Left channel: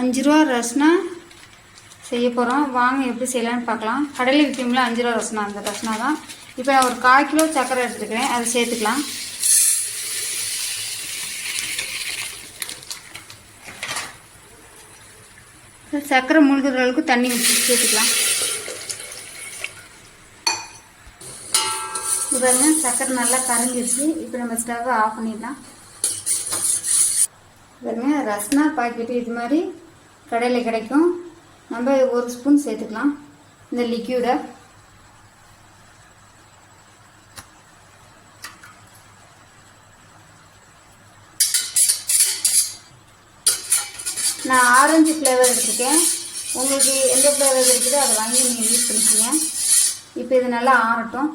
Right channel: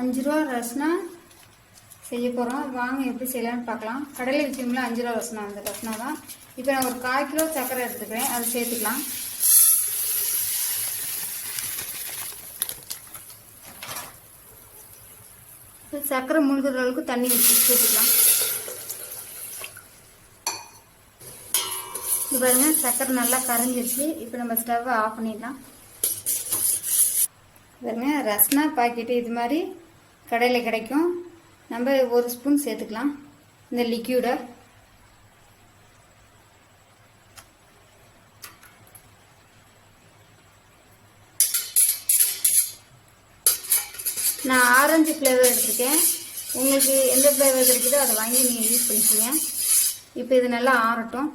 5 ரூபா ரஸ்னா செய்ய போகிறோம். வாங்க எப்படி செய்யலான்னு பார்க்கலாம். கடையில் விற்கும்ல 5 ரூபா ரஸ்னா, அந்த ரஸ்னா தான். இப்போ நான் ஒரு 1/4 கிலோ சர்க்கரை எடுத்துக்கிறேன், அதை சேர்த்துக்கலாம். சர்க்கரை முழுகிற அளவுக்கு தண்ணி ஊற்றி சேர்த்துக்கலாம். இப்போ பாருங்க, சர்க்கரை நல்லா கரைஞ்சிருச்சு. இப்போ நம்ம ஸ்டவ்வை ஆஃப் பண்ணிடலாம். பாருங்க, ரஸ்னா பாக்கெட்டு இது மாதிரி கடையில் கிடைக்கும். நம்ம 1 ஸ்பூன் சேர்த்துக்கலாம் இந்த லிக்யூடை. நான் ஆரஞ்சு ஃப்ளேவர் எடுத்துருக்கேன். உங்களுக்கு எந்த ஃப்ளேவர் இருக்குதோ அதை வாங்கி நீங்கள் யூஸ் பண்ணிக்கோங்க. இப்போ இது நல்லா ஆறட்டும்.